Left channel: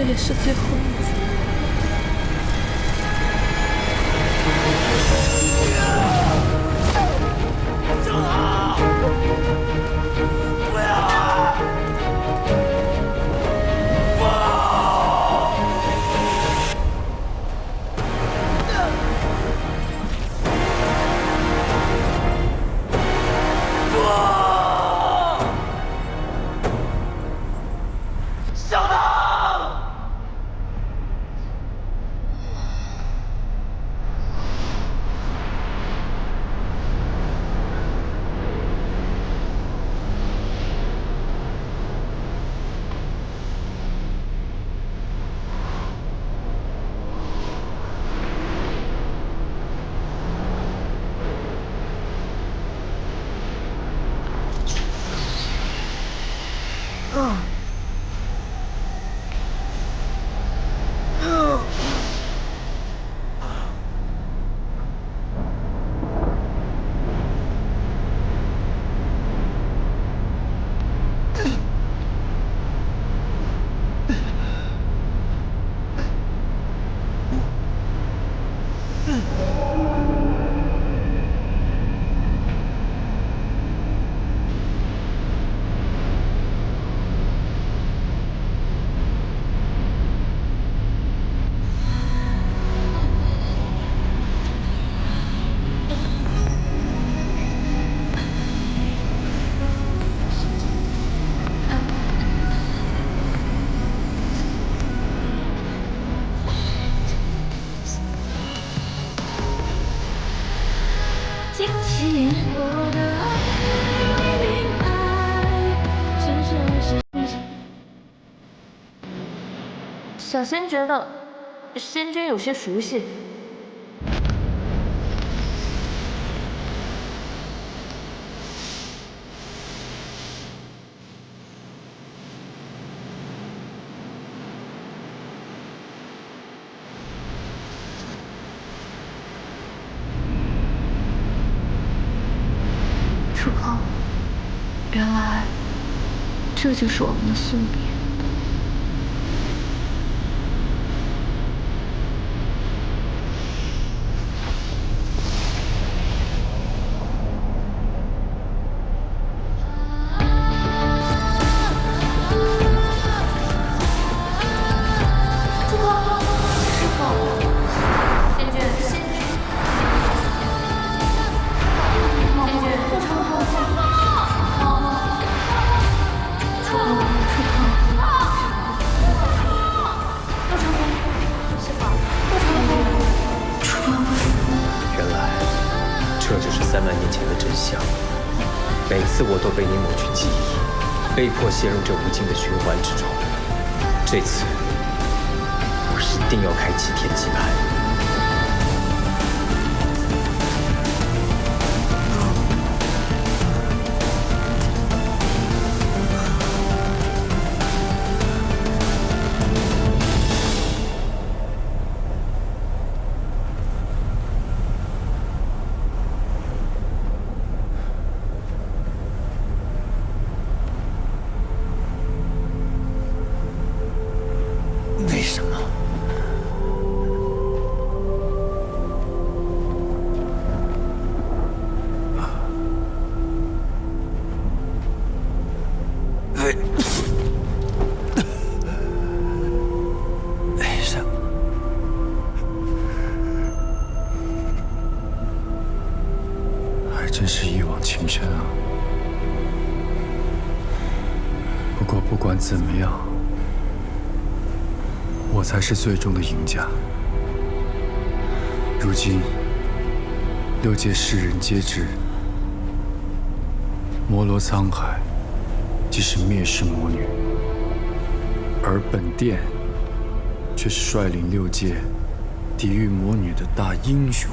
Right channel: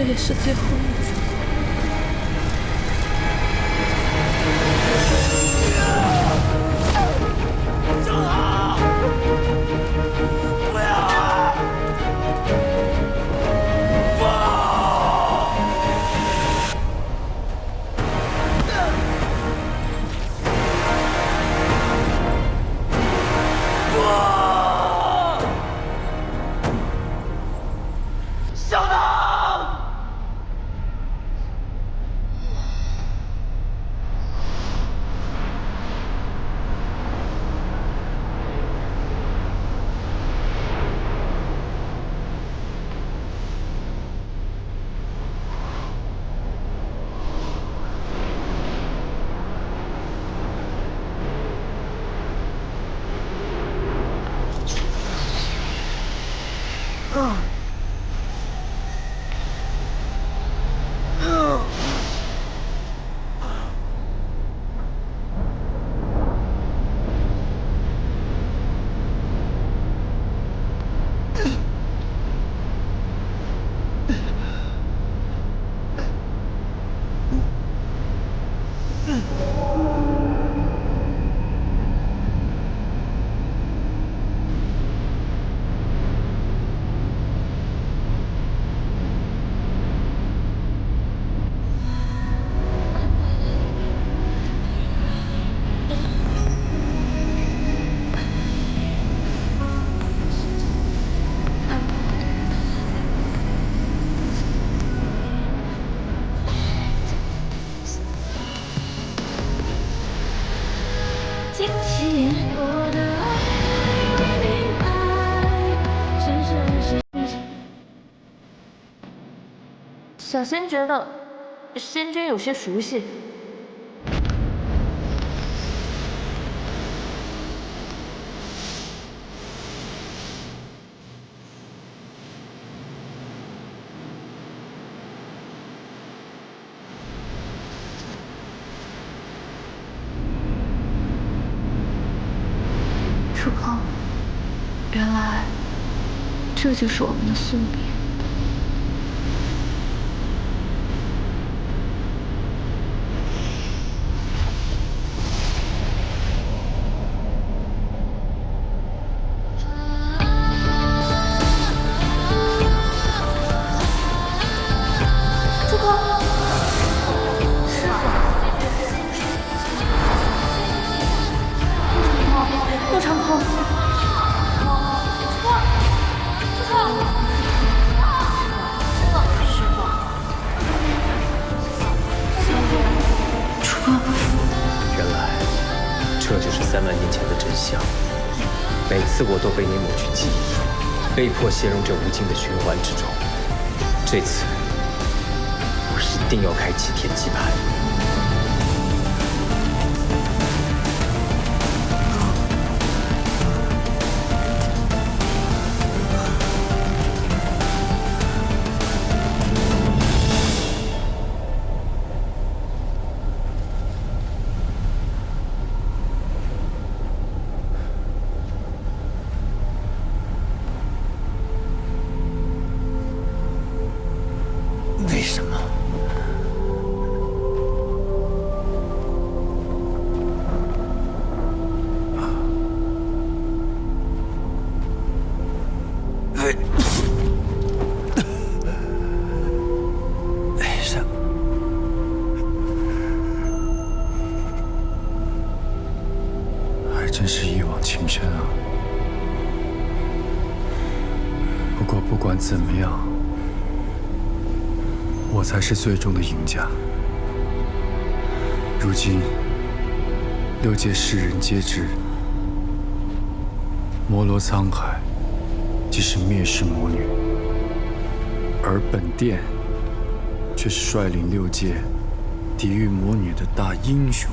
这也是最后一次。小唐，不要啊！不！不！小唐！惊奇。小仙觉得仙君有些熟悉。楚空，原来这就是我们的宿命。楚空，师傅，仙君，陆长空。这就是3万年前的真相。每次我都被你抹去记忆，被迫陷入这无尽的循环之中。这次，我一定要开启天机盘。为什么？为什么？还真是一往情深啊！不过不管怎么样，我才是最终的赢家。如今，6界世人皆知，魔罗沧海即是灭世魔女，而本殿却是率领6界抵御魔女的大英雄。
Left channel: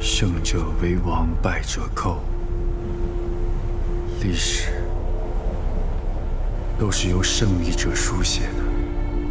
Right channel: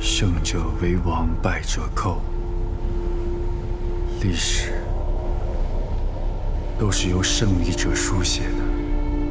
胜者为王，败者寇。历史都是由胜利者书写的。